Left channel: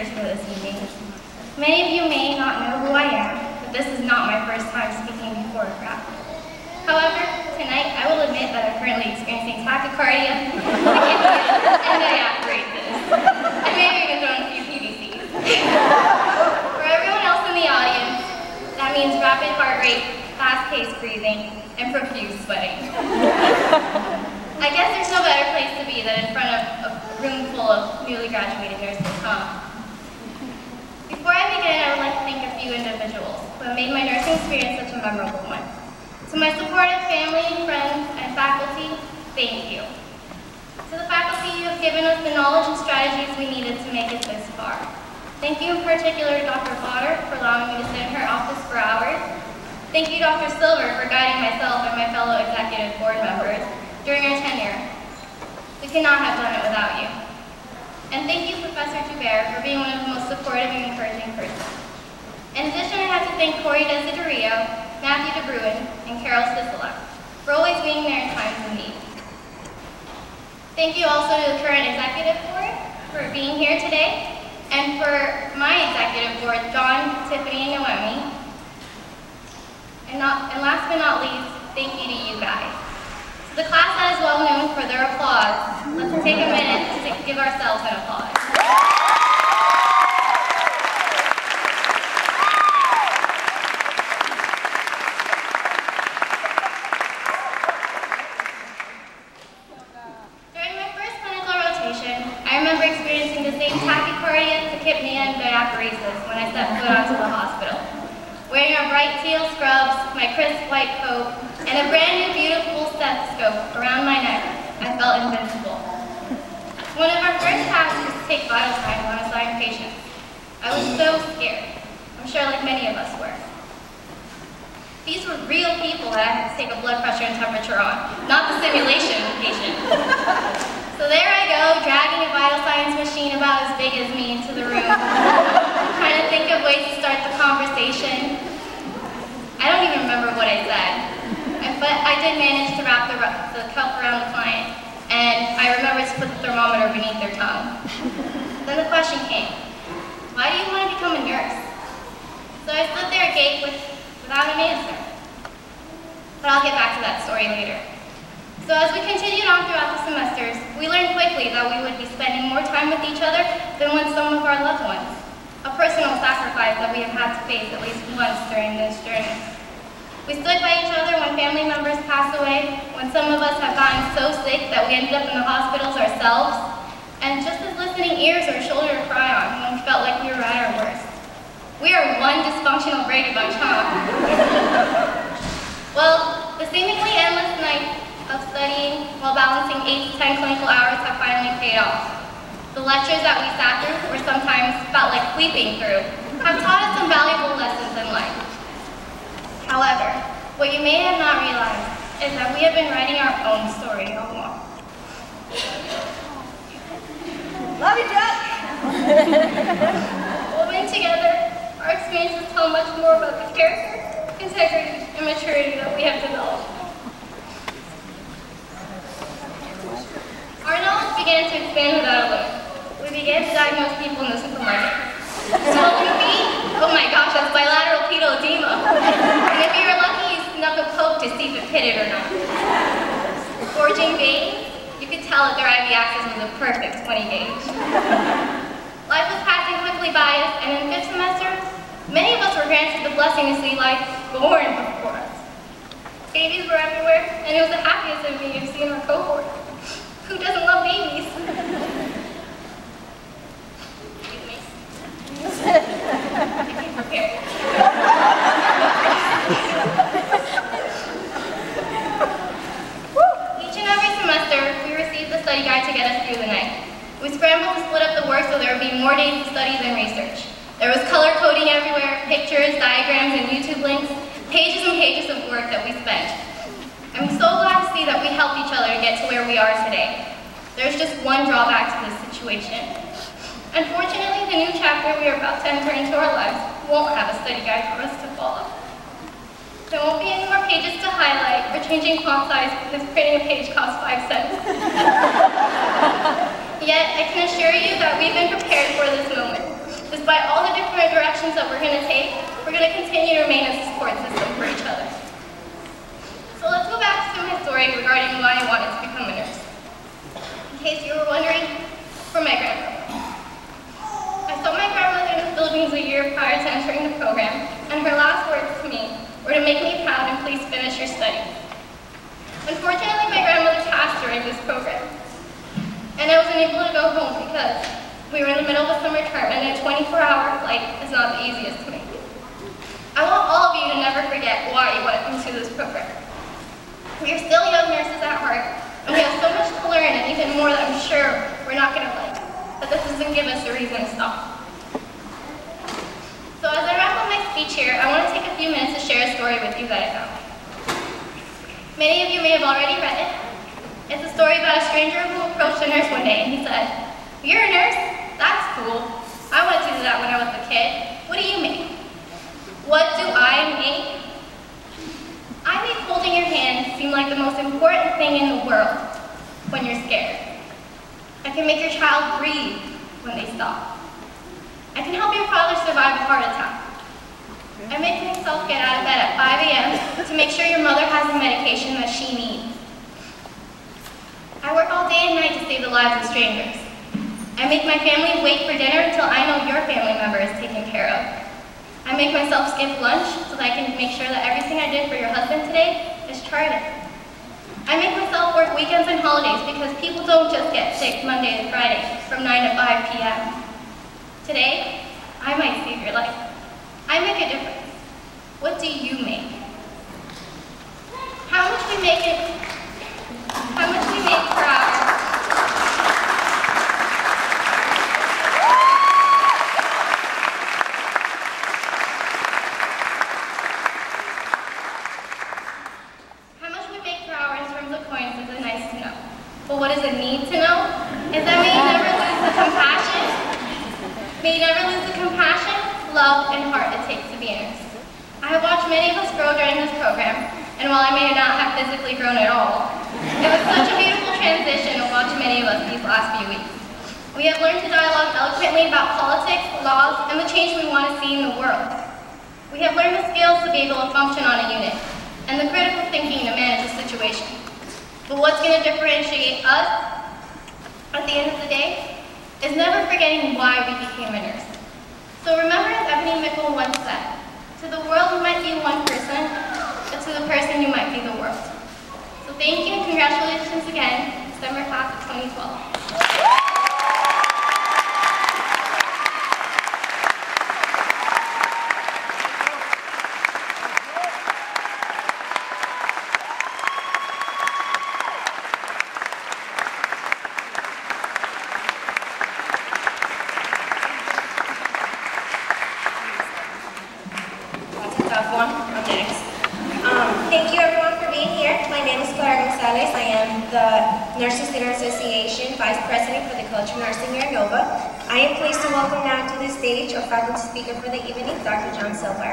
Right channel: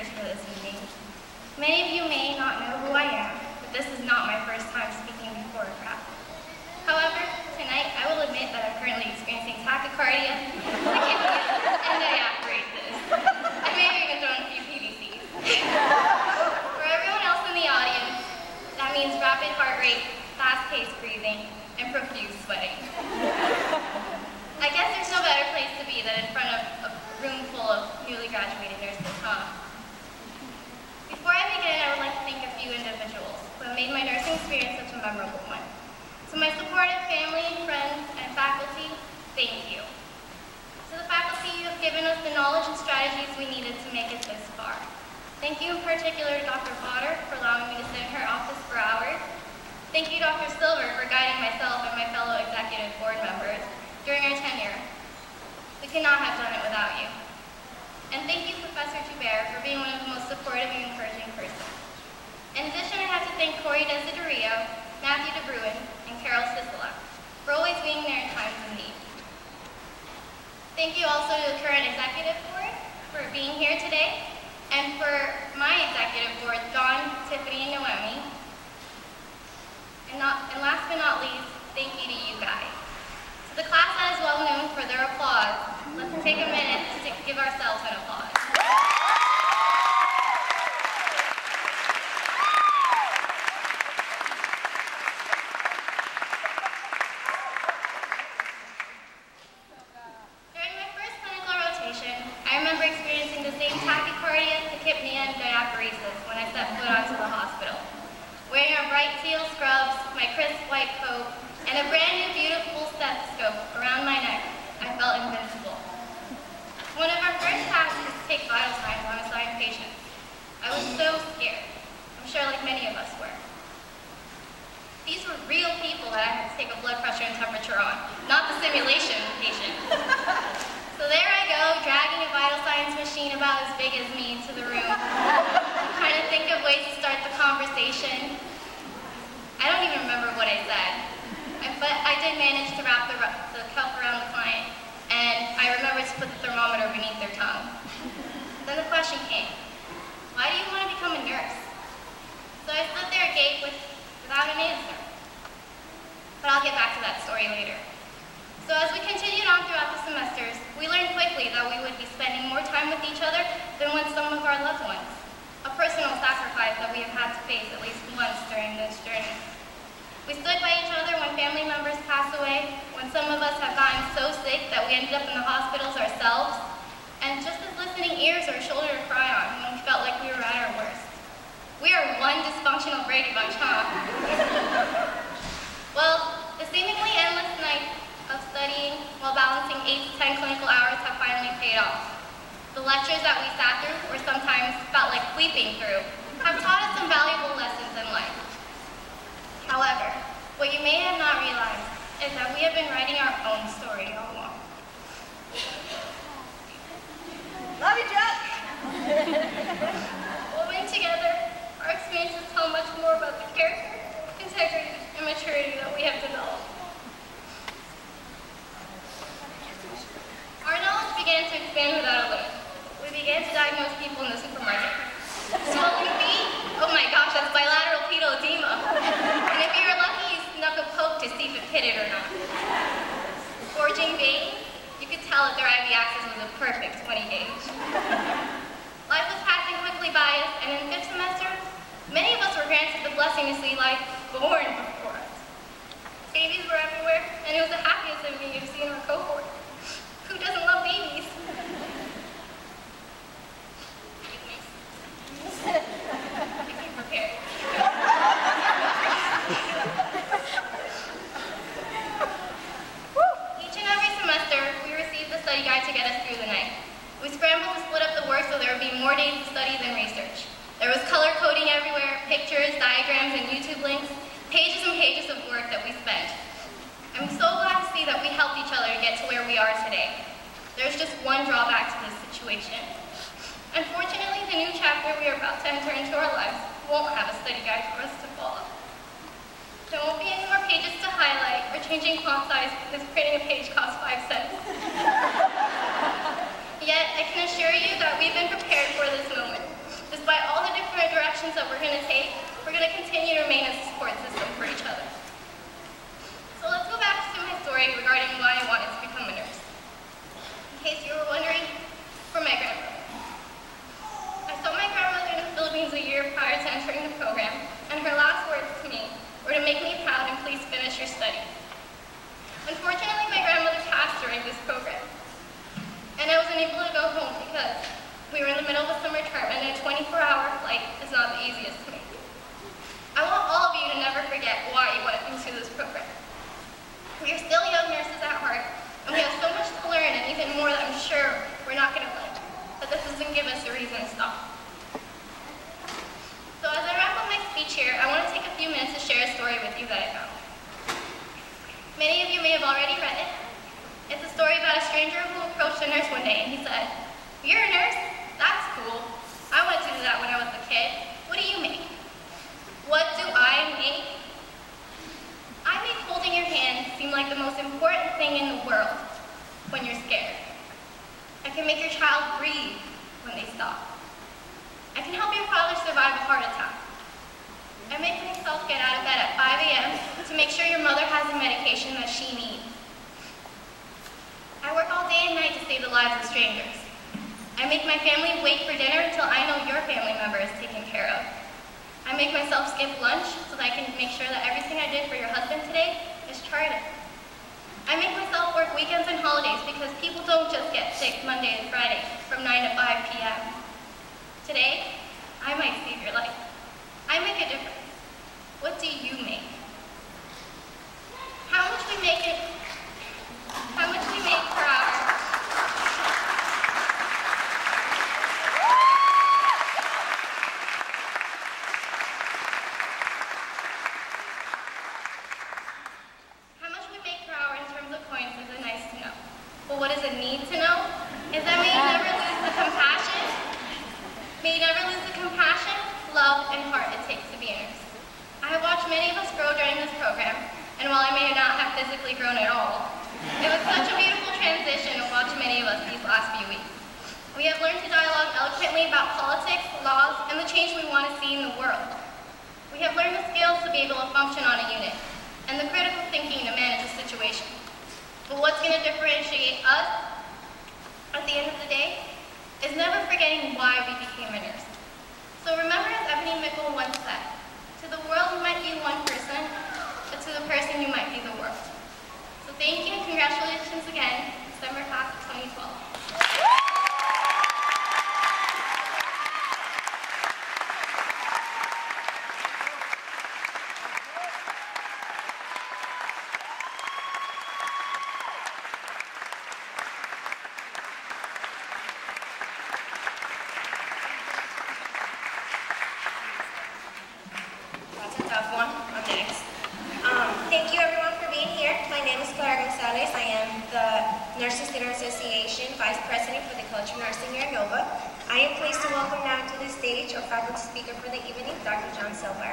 speakers for this evening. Many of you may not know who I am, but this is not my first time speaking before a crowd. However, tonight I will admit that I'm currently experiencing tachycardia, and diaphoresis. I may have even thrown a few PVCs. For everyone else in the audience, that means rapid heart rate, fast-paced breathing, and profuse sweating. I guess there's no better place to be than in front of a room full of newly graduated nurses, huh? Before I begin, I would like to thank a few individuals who have made my nursing experience such a memorable one. To my supportive family, friends, and faculty, thank you. To the faculty, you have given us the knowledge and strategies we needed to make it this far. Thank you in particular to Dr. Potter for allowing me to sit in her office for hours. Thank you, Dr. Silver, for guiding myself and my fellow executive board members during our tenure. We could not have done it without you. And thank you, Professor Joubert, for being one of the most supportive and encouraging persons. In addition, I have to thank Corey Desiderio, Matthew DeBruin, and Carol Sisolak for always being there in times of need. Thank you also to the current executive board for being here today, and for my executive board, John, Tiffany, and Noemi. And last but not least, thank you to you guys. To the class that is well known for their applause, let's take a minute to give ourselves an applause. During my first clinical rotation, I remember experiencing the same tachycardia, tachypnea, and diaphoresis when I stepped foot onto the hospital. Wearing our bright teal scrubs, my crisp white coat, and a brand new beautiful stethoscope around my neck, I felt invincible. One of our first tasks was to take vital signs on assigned patients. I was so scared. I'm sure like many of us were. These were real people that I had to take a blood pressure and temperature on, not the simulation patient. So there I go, dragging a vital signs machine about as big as me into the room, trying to think of ways to start the conversation. I don't even remember what I said, but I did manage to wrap the cup around the client, and I remembered to put the thermometer beneath their tongue. Then the question came, why do you want to become a nurse? So I stood there agape without an answer. But I'll get back to that story later. So as we continued on throughout the semesters, we learned quickly that we would be spending more time with each other than with some of our loved ones. A personal sacrifice that we have had to face at least once during this journey. We stood by each other when family members passed away, when some of us have gotten so sick that we ended up in the hospitals ourselves, and just as listening ears or a shoulder to cry on when we felt like we were at our worst. We are one dysfunctional Brady Bunch, huh? Well, the seemingly endless nights of studying while balancing 8 to 10 clinical hours have finally paid off. The lectures that we sat through, or sometimes felt like sleeping through, have taught us some valuable lessons in life. However, what you may have not realized is that we have been writing our own story all along. Love you, Jack! Woven together, our experiences tell much more about the character, integrity, and maturity that we have developed. Our knowledge began to expand without a limit. We began to diagnose people in the supermarket. Swollen feet? Oh my gosh, that's bilateral pedal edema. And if you were lucky, you snuck a poke to see if it pitted or not. Gorging veins? You could tell if their IV axis was a perfect 20 gauge. Life was passing quickly by us, and in 5th semester, many of us were granted the blessing to see life born before us. Babies were everywhere, and it was the happiest of me to see in our cohort. Who doesn't love babies? Excuse me. Be prepared. Each and every semester, we received the study guide to get us through the night. We scrambled to split up the work so there would be more days to study than research. There was color coding everywhere, pictures, diagrams, and YouTube links, pages and pages of work that we spent. I'm so glad to see that we helped each other to get to where we are today. There's just one drawback to this situation. Unfortunately, the new chapter we are about to enter into our lives won't have a study guide for us to follow. There won't be any more pages to highlight or changing font size because printing a page costs 5 cents. Yet, I can assure you that we've been prepared for this moment. Despite all the different directions that we're going to take, we're going to continue to remain as a support system for each other. So let's go back to my story regarding why I wanted to become a nurse. In case you were wondering, for my grandmother. I saw my grandmother in the Philippines a year prior to entering the program, and her last words to me were to make me proud and please finish your studies. Unfortunately, my grandmother passed during this program, and I wasn't able to go home because we were in the middle of a summer term, and a 24-hour flight is not the easiest to make. I want all of you to never forget why you went into this program. We are still young nurses at heart, and we have so much to learn, and even more that I'm sure we're not going to like, but this doesn't give us a reason to stop. So as I wrap up my speech here, I want to take a few minutes to share a story with you that I found. Many of you may have already read it. It's a story about a stranger who approached a nurse one day, and he said, "You're a nurse? That's cool. I wanted to do that when I was a kid. What do you make?" What do I make? I make holding your hand seem like the most important thing in the world when you're scared. I can make your child breathe when they stop. I can help your father survive a heart attack. I make myself get out of bed at 5 a.m. to make sure your mother has the medication that she needs. I work all day and night to save the lives of strangers. I make my family wait for dinner until I know your family member is taken care of. I make myself skip lunch so that I can make sure that everything I did for your husband today is charted. I make myself work weekends and holidays because people don't just get sick Monday to Friday from 9 to 5 p.m. Today, I might save your life. I make a difference. What do you make? How much we make per hour? But what does it need to know is that may you never lose the compassion. May you never lose the compassion, love, and heart it takes to be a nurse. I have watched many of us grow during this program, and while I may not have physically grown at all, it was such a beautiful transition to watch many of us these last few weeks. We have learned to dialogue eloquently about politics, laws, and the change we want to see in the world. We have learned the skills to be able to function on a unit, and the critical thinking to manage a situation. But what's going to differentiate us at the end of the day is never forgetting why we became a nurse. So remember, as Ebony Mickle once said, to the world you might be one person, but to the person you might be the world. So thank you and congratulations again, December class of 2012. Thank you everyone for being here. My name is Clara Gonzalez. I am the Nursing Student Association Vice President for the Culture Nursing here at Nova. I am pleased to welcome now to the stage our faculty speaker for the evening, Dr. John Silver.